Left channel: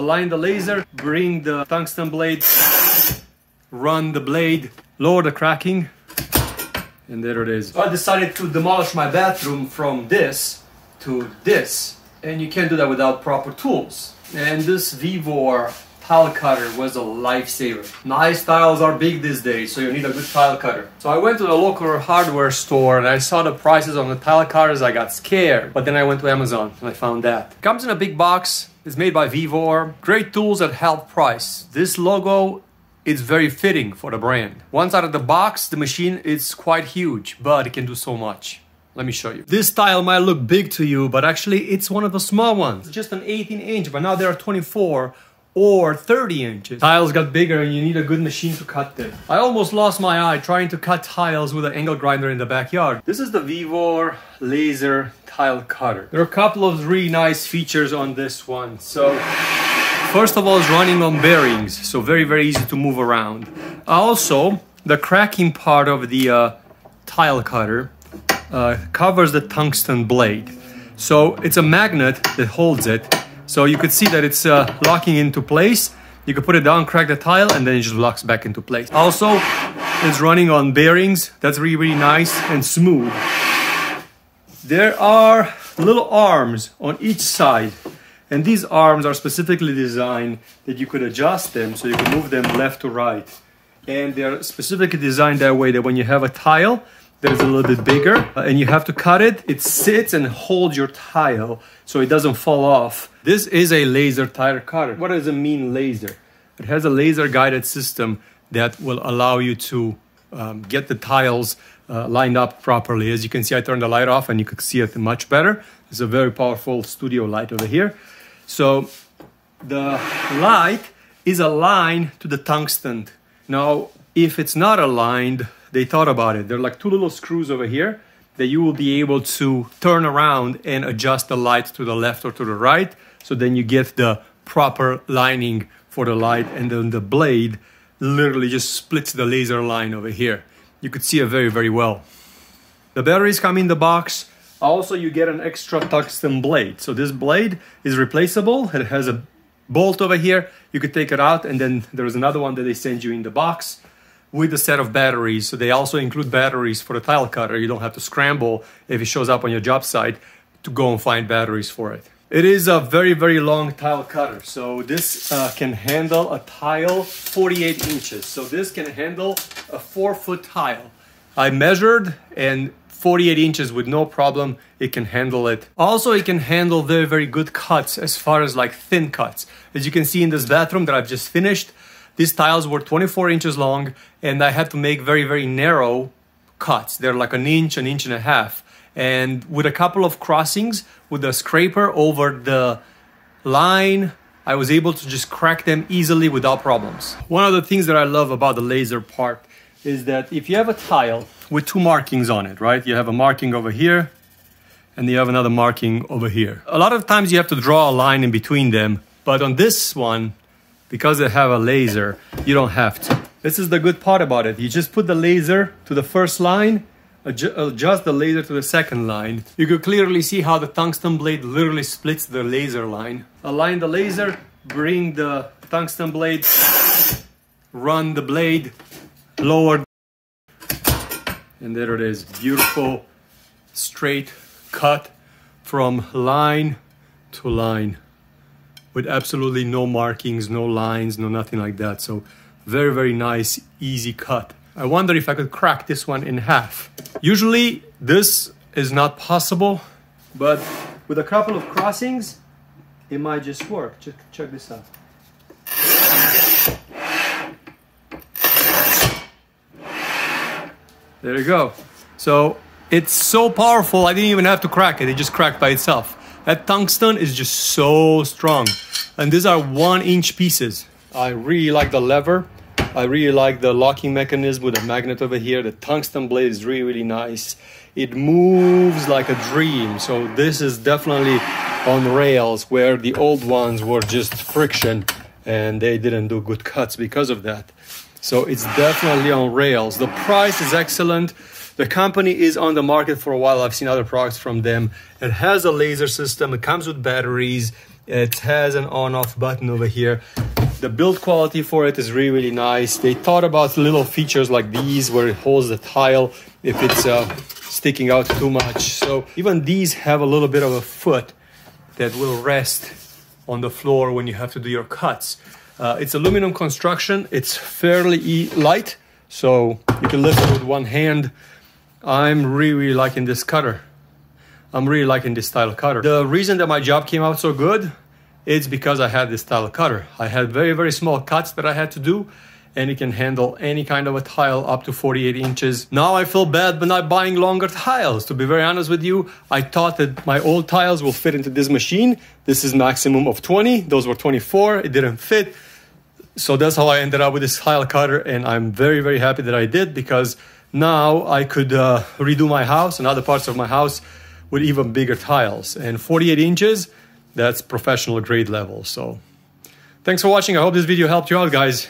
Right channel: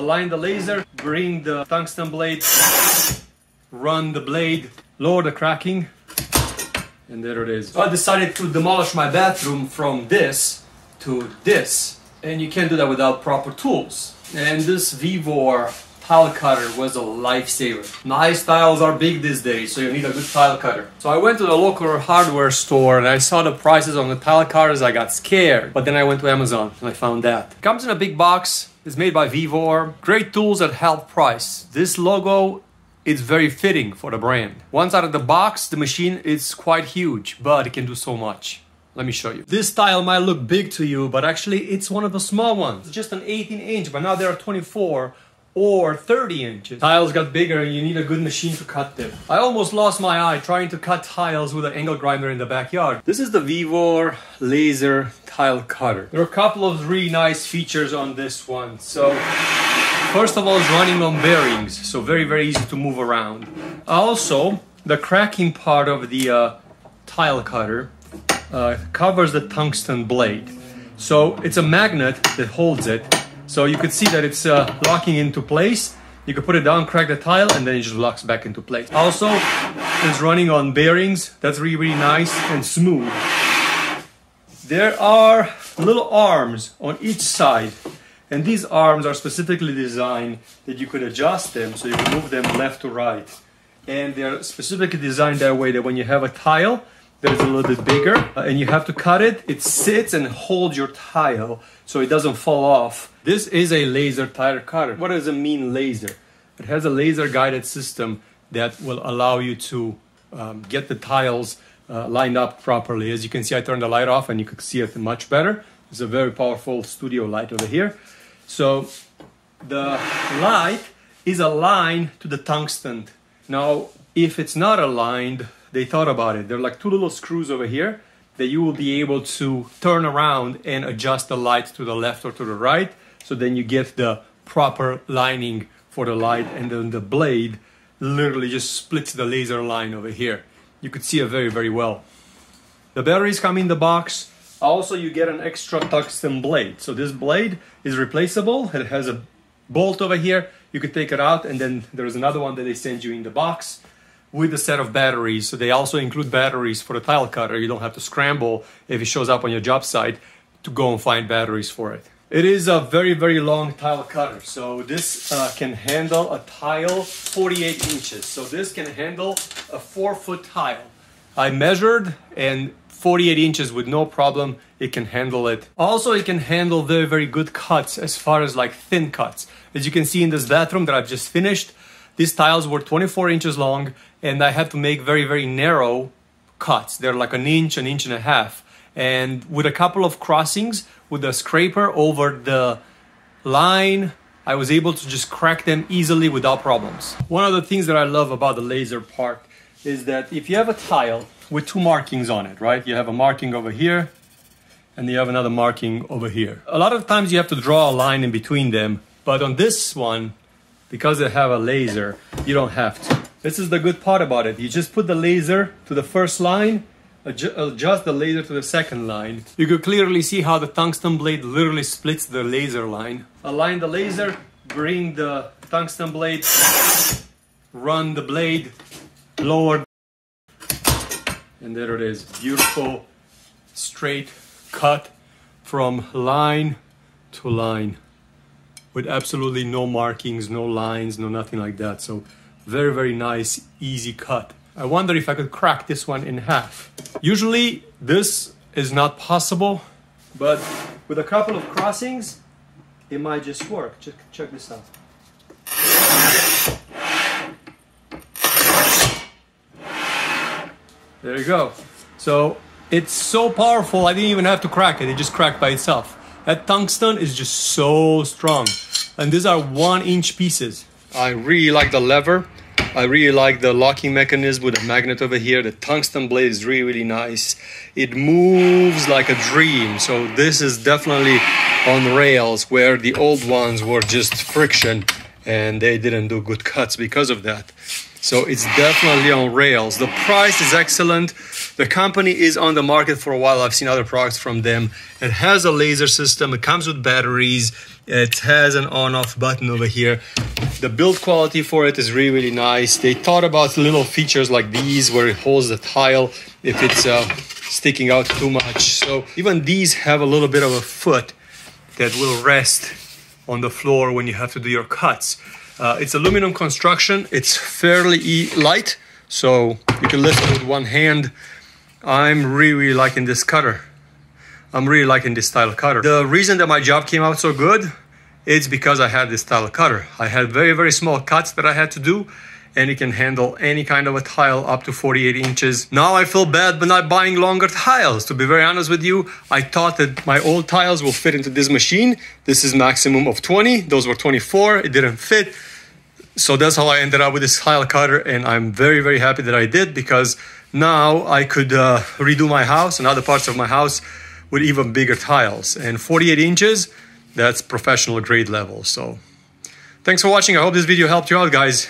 Align the laser, bring the tungsten blade, run the blade, lower the cracking, and there it is. I decided to demolish my bathroom from this to this, and you can't do that without proper tools. And this VEVOR tile cutter was a lifesaver. Nice tiles are big these days, so you need a good tile cutter. So I went to the local hardware store and I saw the prices on the tile cutters. I got scared, but then I went to Amazon and I found that. It comes in a big box. It's made by VEVOR. Great tools at half price. This logo is very fitting for the brand. Once out of the box, the machine is quite huge, but it can do so much. Let me show you. This tile might look big to you, but actually it's one of the small ones. It's just an 18-inch, but now there are 24 or 30 inches. Tiles got bigger and you need a good machine to cut them. I almost lost my eye trying to cut tiles with an angle grinder in the backyard. This is the VEVOR laser tile cutter. There are a couple of really nice features on this one. So first of all, it's running on bearings, so very, very easy to move around. Also, the cracking part of the tile cutter covers the tungsten blade. So it's a magnet that holds it. So you could see that it's locking into place. You can put it down, crack the tile, and then it just locks back into place. Also, it's running on bearings. That's really, really nice and smooth. There are little arms on each side. And these arms are specifically designed that you could adjust them so you can move them left to right. And they're specifically designed that way that when you have a tile that is a little bit bigger and you have to cut it, it sits and holds your tile so it doesn't fall off. This is a laser tile cutter. What does it mean, laser? It has a laser guided system that will allow you to get the tiles lined up properly. As you can see, I turned the light off and you can see it much better. It's a very powerful studio light over here. So the light is aligned to the tungsten. Now, if it's not aligned, they thought about it. There are like two little screws over here that you will be able to turn around and adjust the light to the left or to the right. So then you get the proper lining for the light, and then the blade literally just splits the laser line over here. You could see it very, very well. The batteries come in the box. Also, you get an extra tungsten blade. So this blade is replaceable. It has a bolt over here. You could take it out, and then there's another one that they send you in the box with a set of batteries. So they also include batteries for the tile cutter. You don't have to scramble if it shows up on your job site to go and find batteries for it. It is a very, very long tile cutter. So this can handle a tile 48 inches. So this can handle a 4-foot tile. I measured, and 48 inches with no problem, it can handle it. Also, it can handle very, very good cuts as far as like thin cuts. As you can see in this bathroom that I've just finished, these tiles were 24 inches long, and I had to make very, very narrow cuts. They're like an inch and a half. And with a couple of crossings with a scraper over the line, I was able to just crack them easily without problems. One of the things that I love about the laser part is that if you have a tile with two markings on it, right? You have a marking over here, and you have another marking over here. A lot of times you have to draw a line in between them, but on this one, because they have a laser, you don't have to. This is the good part about it. You just put the laser to the first line, adjust the laser to the second line. You could clearly see how the tungsten blade literally splits the laser line. Align the laser, bring the tungsten blade, run the blade, lower, and there it is. Beautiful, straight cut from line to line with absolutely no markings, no lines, no nothing like that. So very, very nice, easy cut. I wonder if I could crack this one in half. Usually this is not possible, but with a couple of crossings, it might just work. Check this out. There you go. So it's so powerful, I didn't even have to crack it. It just cracked by itself. That tungsten is just so strong. And these are 1-inch pieces. I really like the lever. I really like the locking mechanism with a magnet over here. The tungsten blade is really, really nice. It moves like a dream. So this is definitely on rails, where the old ones were just friction and they didn't do good cuts because of that. So it's definitely on rails. The price is excellent. The company is on the market for a while. I've seen other products from them. It has a laser system. It comes with batteries. It has an on-off button over here. The build quality for it is really, really nice. They thought about little features like these where it holds the tile if it's sticking out too much. So even these have a little bit of a foot that will rest on the floor when you have to do your cuts. It's aluminum construction. It's fairly light, so you can lift it with one hand. I'm really liking this cutter. I'm really liking this style of cutter. The reason that my job came out so good, it's because I had this style of cutter. I had very, very small cuts that I had to do, and it can handle any kind of a tile up to 48 inches. Now I feel bad but not buying longer tiles. To be very honest with you, I thought that my old tiles will fit into this machine. This is maximum of 20. Those were 24. It didn't fit. So that's how I ended up with this tile cutter, and I'm very, very happy that I did, because now I could redo my house and other parts of my house with even bigger tiles. And 48 inches, that's professional grade level. So thanks for watching. I hope this video helped you out, guys.